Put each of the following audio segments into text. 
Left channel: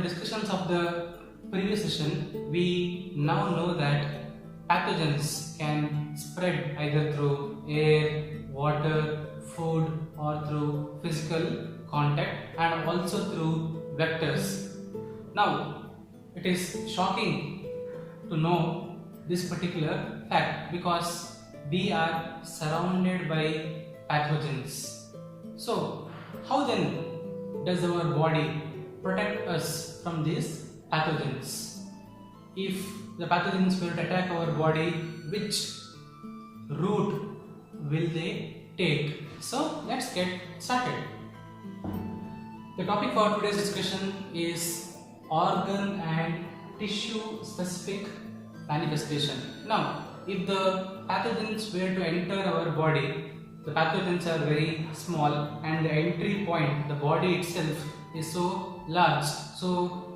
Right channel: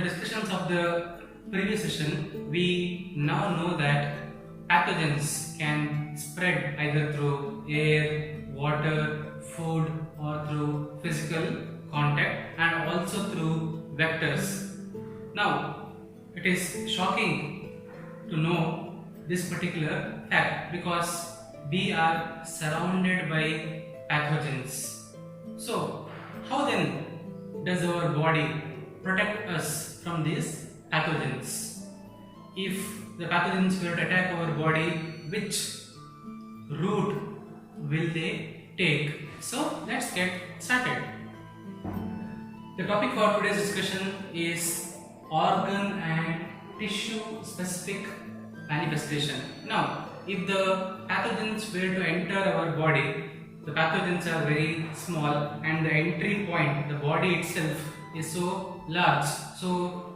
the discussions of the previous session, we now know that pathogens can spread either through air, water, food, or through physical contact, and also through vectors. Now, it is shocking to know this particular fact because we are surrounded by pathogens. So, how then does our body protect us from these pathogens? If the pathogens were to attack our body, which route will they take? So, let's get started. The topic for today's discussion is organ and tissue specific manifestation. Now, if the pathogens were to enter our body, the pathogens are very small and the entry point, the body itself, is so large. So,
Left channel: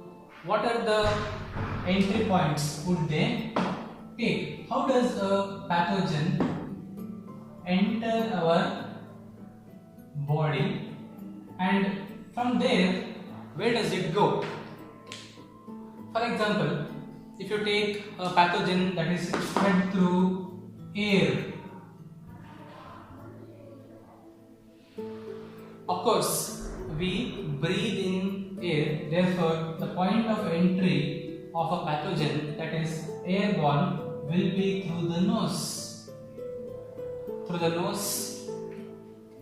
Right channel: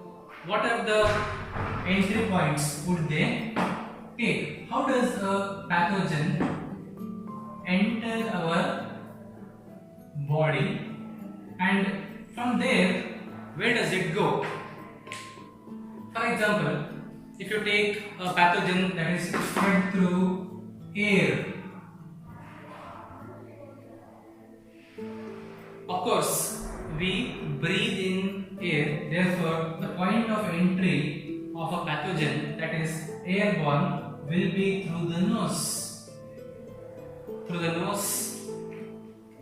what are the entry points would they take? How does a pathogen enter our body, and from there, where does it go? For example, if you take a pathogen that is spread through air, of course, we breathe in air, therefore the point of entry of a pathogen that is airborne will be through the nose. Through the nose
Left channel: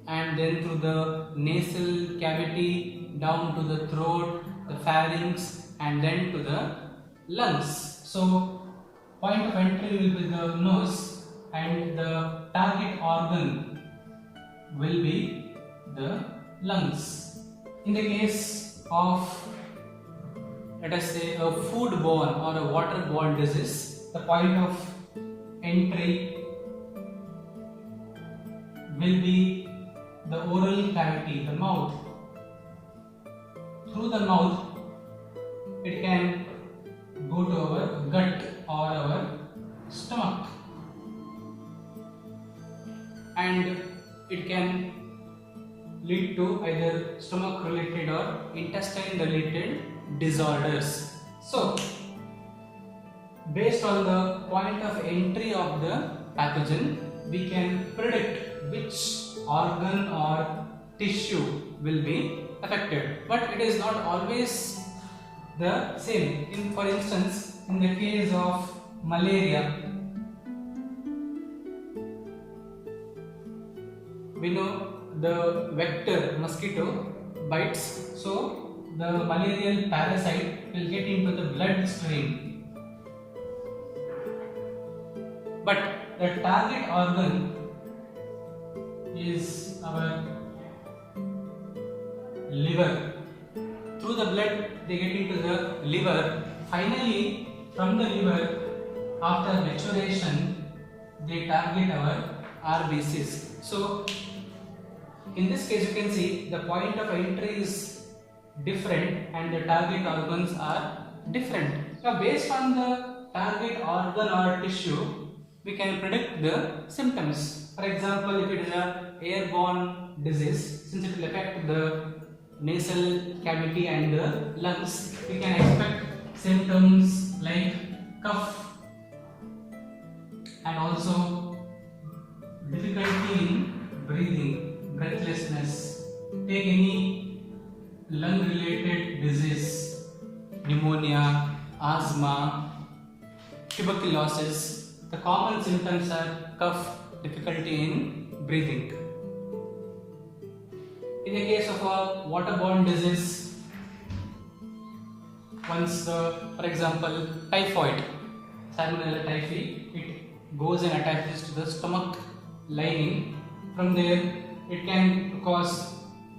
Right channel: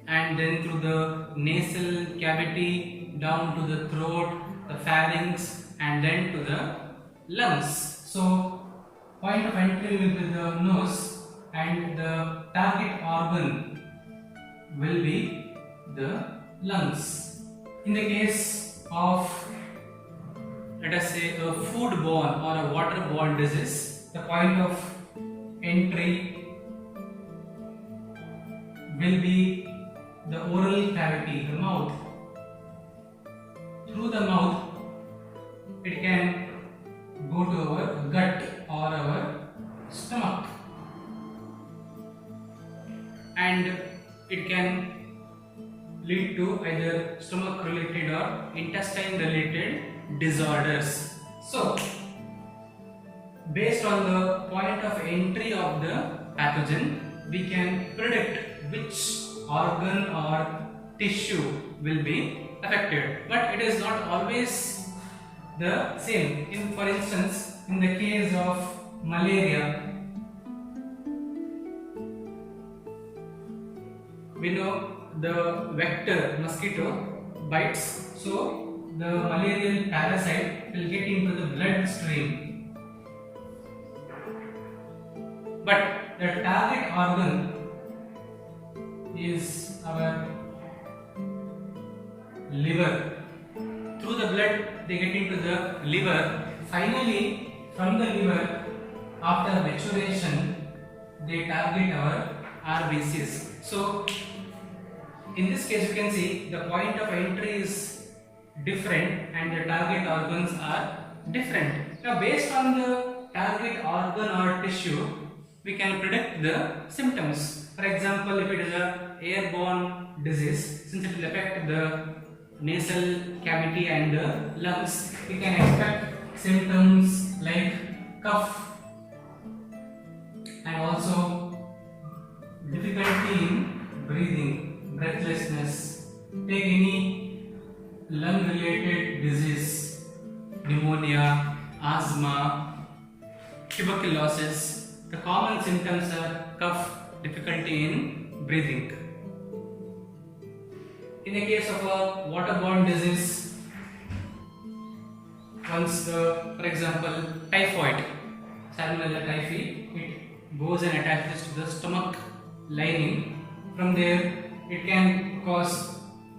and then through the nasal cavity down to the throat, the pharynx, and then to the lungs. So, point of entry will be the nose and the target organ will be the lungs. In the case of, let us say, a foodborne or a waterborne disease, the point of entry will be the oral cavity, the mouth. Through the mouth, it can go to our gut or our stomach, and it can lead to either stomach related or intestine related disorders. So, based on the point of entry of the pathogen, we can predict which organ or tissue will be affected, but it is not always the same. For instance, in the case of malaria, we know the vector mosquito bites, so the malarial parasite will get into the bloodstream. But the target organ is our liver. Through the blood, they get into the liver. Finally, from the liver, after maturation, they target our RBCs. So, in this case, you can see the point of entry is different and the target organs are different. Now, based on the target organ or tissue, we can predict the symptoms. For example, if it is an airborne disease, since it will affect the nasal cavity and the lungs, we can expect symptoms like cough and also difficulty in breathing, breathlessness. Take any lung related disease, pneumonia, asthma, tuberculosis. The common symptoms are cough, difficulty in breathing. In the case of a waterborne disease, for example, typhoid, Salmonella typhi, it goes and attaches to the stomach lining. From there, it can cause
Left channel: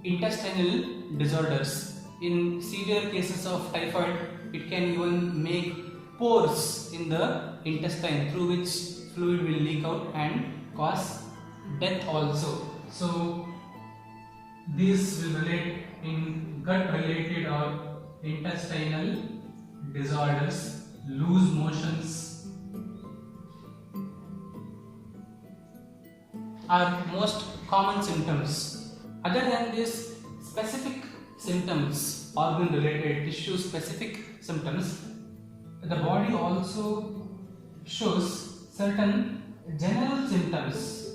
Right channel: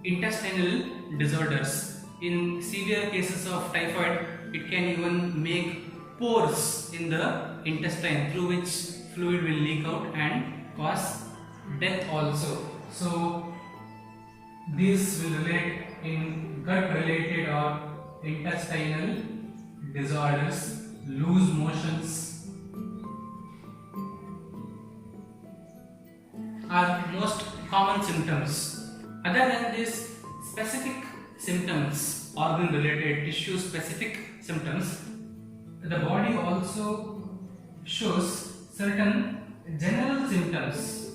intestinal disorders. In severe cases of typhoid, it can even make pores in the intestine through which fluid will leak out and cause death also. So, these will relate in gut related or intestinal disorders, loose motions are most common symptoms. Other than these specific symptoms, organ related tissue specific symptoms, the body also shows certain general symptoms.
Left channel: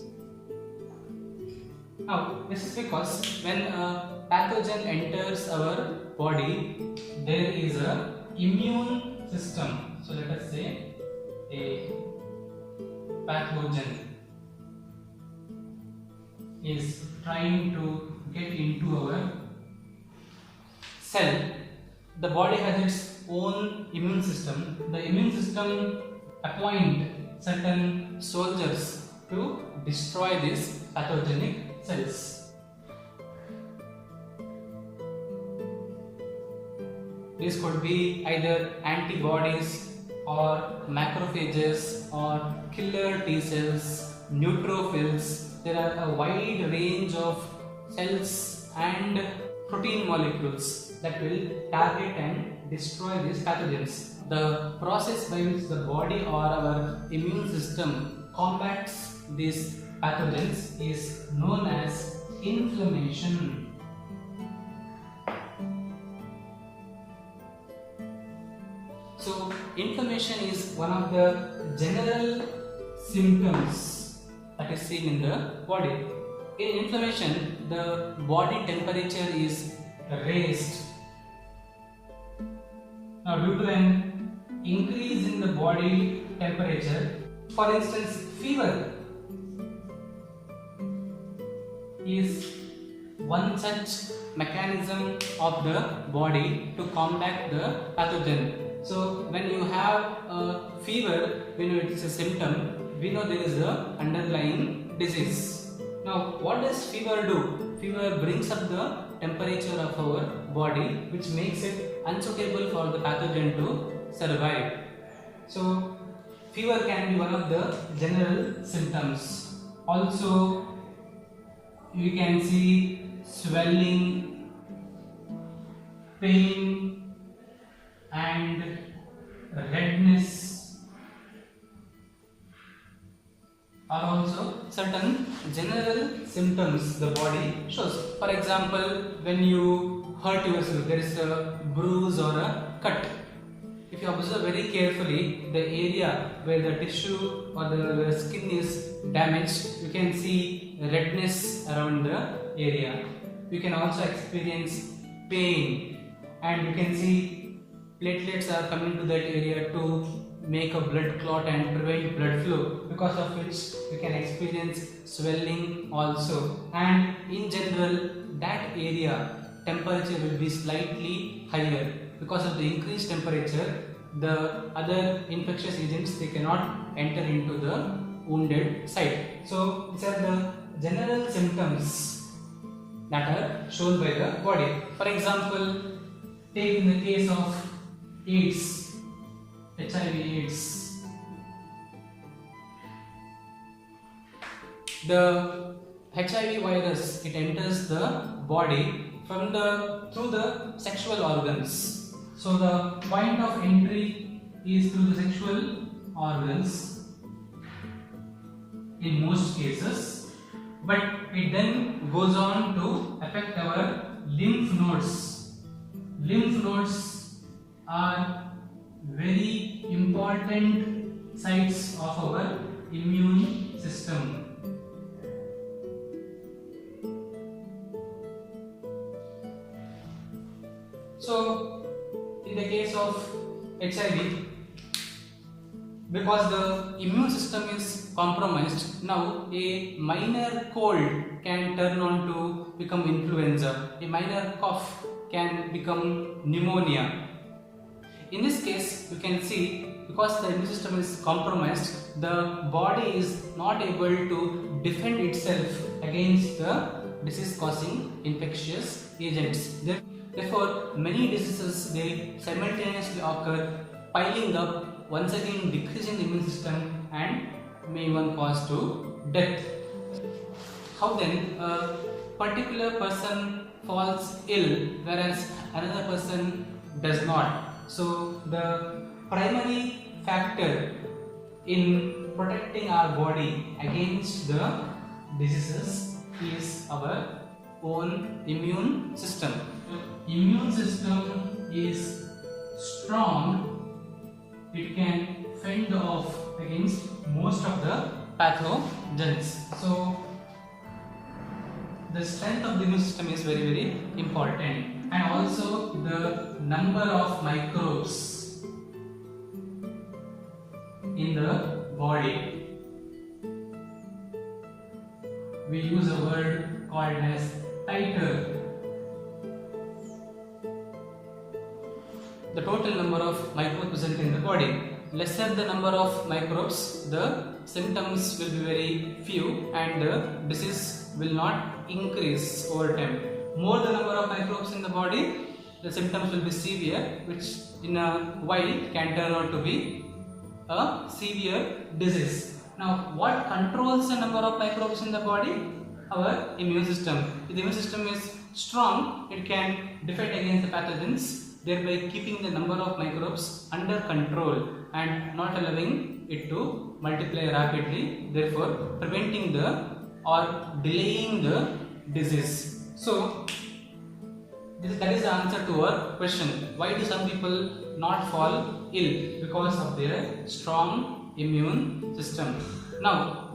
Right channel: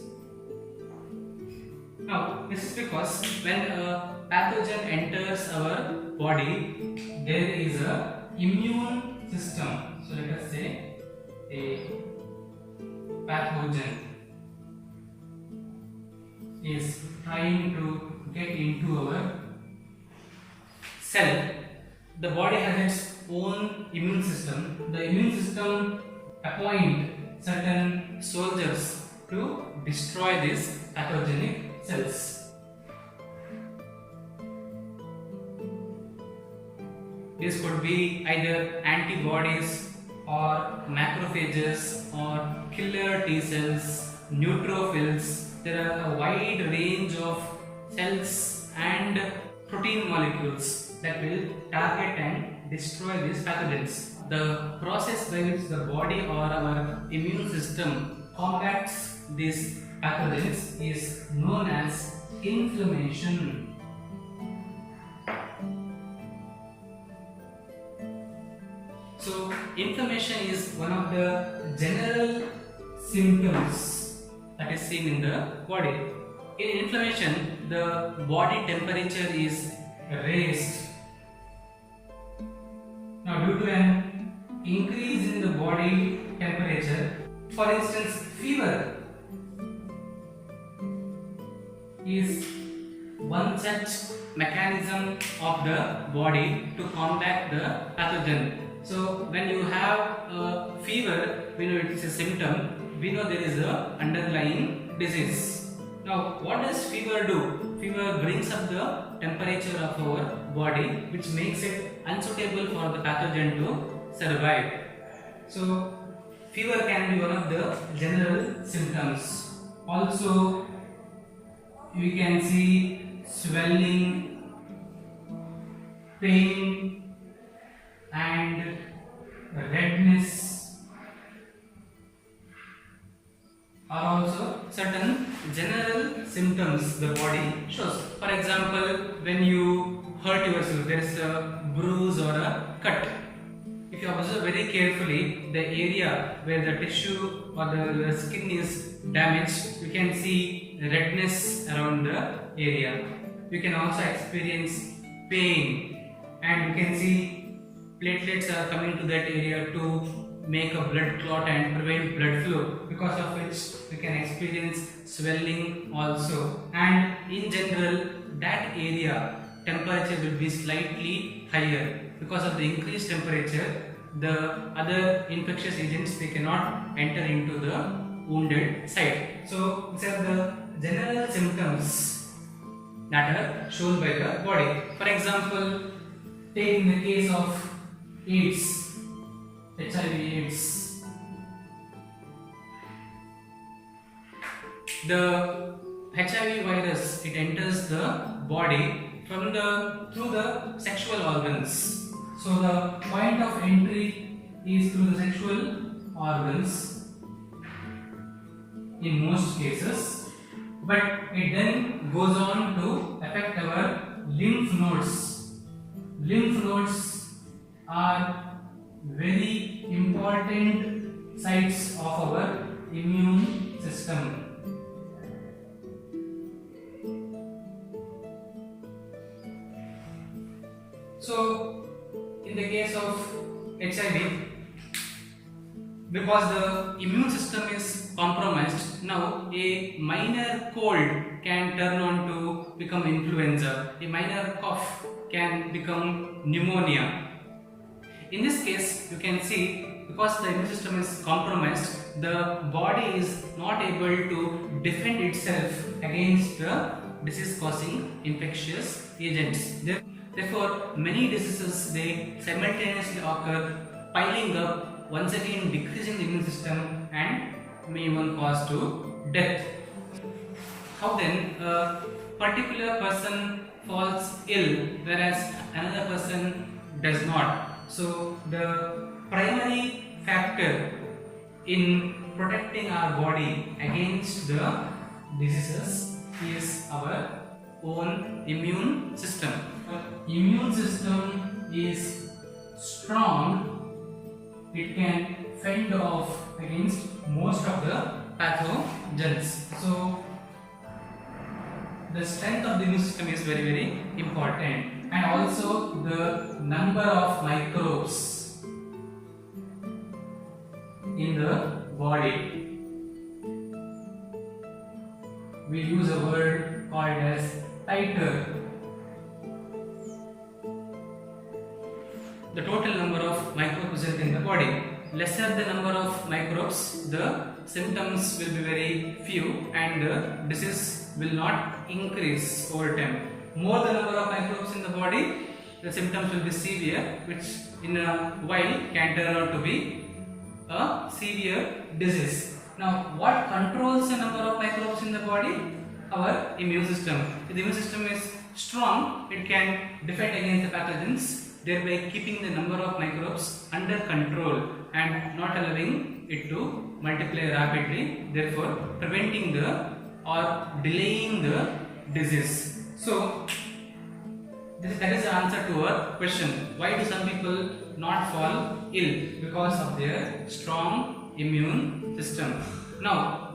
Now, this is because when a pathogen enters our body, there is a immune system. So let us say a pathogen is trying to get into our cell. The body has its own immune system. The immune system appoint certain soldiers to destroy these pathogenic cells. This could be either antibodies or macrophages or killer T cells, neutrophils. There are a wide range of cells and protein molecules that will target and destroy these pathogens. The process by which the body or our immune system combats these pathogens is known as inflammation. So, inflammation is one of the general symptoms that is seen in the body. In inflammation, the body temperature is raised. Now, due to an increase in the body temperature, for instance, fever is one such mechanism of the body to combat the pathogen. So, when you have a fever, we know it is a symptom, we know there is a underlying disease. Now, what does fever do? Fever brings up the temperature of our body, which makes it unsuitable for the pathogen to survive. So, fever can be one of the general symptoms. Also, we can see swelling, pain, and redness are also certain general symptoms the body shows. For example, when you hurt yourself, there is a bruise or a cut. If you observe very carefully the area where the tissue or the skin is damaged, you can see redness around the area. You can also experience pain, and you can see platelets are coming to that area to make a blood clot and prevent blood flow, because of which we can experience swelling also. And in general, that area temperature will be slightly higher. Because of the increased temperature, the other infectious agents, they cannot enter into the wounded site. So these are the general symptoms that are shown by the body. For example, take in the case of AIDS, HIV/AIDS. The HIV virus, it enters the body through the sexual organs. So the point of entry is through the sexual organs in most cases, but it then goes on to affect our lymph nodes. Lymph nodes are very important sites of our immune system. So, in the case of HIV, because the immune system is compromised, now a minor cold can turn on to become influenza, a minor cough can become pneumonia. In this case, you can see, because the immune system is compromised, the body is not able to defend itself against the disease causing infectious agents. Therefore, many diseases, they simultaneously occur, piling up, once again decreasing the immune system and may even cause to death. How then a particular person falls ill whereas another person does not? So the primary factor in protecting our body against the diseases is our own immune system. immune system is strong, it can fend off against most of the pathogens. So the strength of the immune system is very important, and also the number of microbes in the body. We use a word called as titer. The total number of microbes present in the body. Lesser the number of microbes, the symptoms will be very few and the disease will not increase over time. More the number of microbes in the body, the symptoms will be severe, which in a while can turn out to be a severe disease. Now, what controls the number of microbes in the body? Our immune system. If the immune system is strong, it can defend against the pathogens, thereby keeping the number of microbes under control and not allowing it to multiply rapidly, therefore preventing the or delaying the disease. So, that is the answer to our question. Why do some people not fall ill? Because of their strong immune system. Now,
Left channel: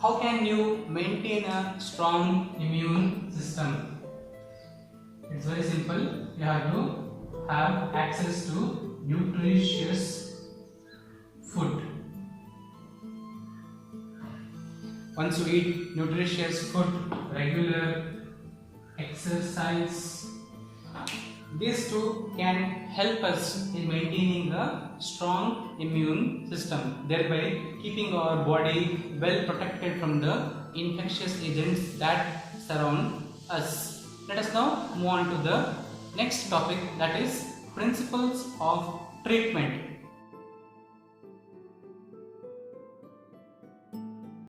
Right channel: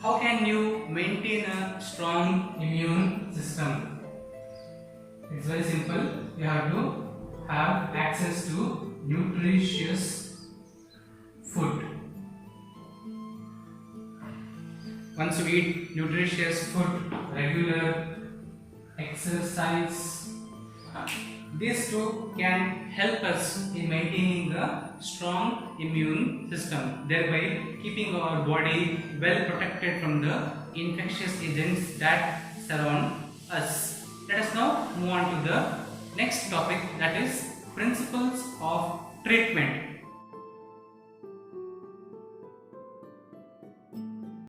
how can you maintain a strong immune system? It's very simple. You have to have access to nutritious food. Once you eat nutritious food, regular exercise, these two can help us in maintaining a strong immune system, thereby keeping our body well protected from the infectious agents that surround us. Let us now move on to the next topic, that is principles of treatment.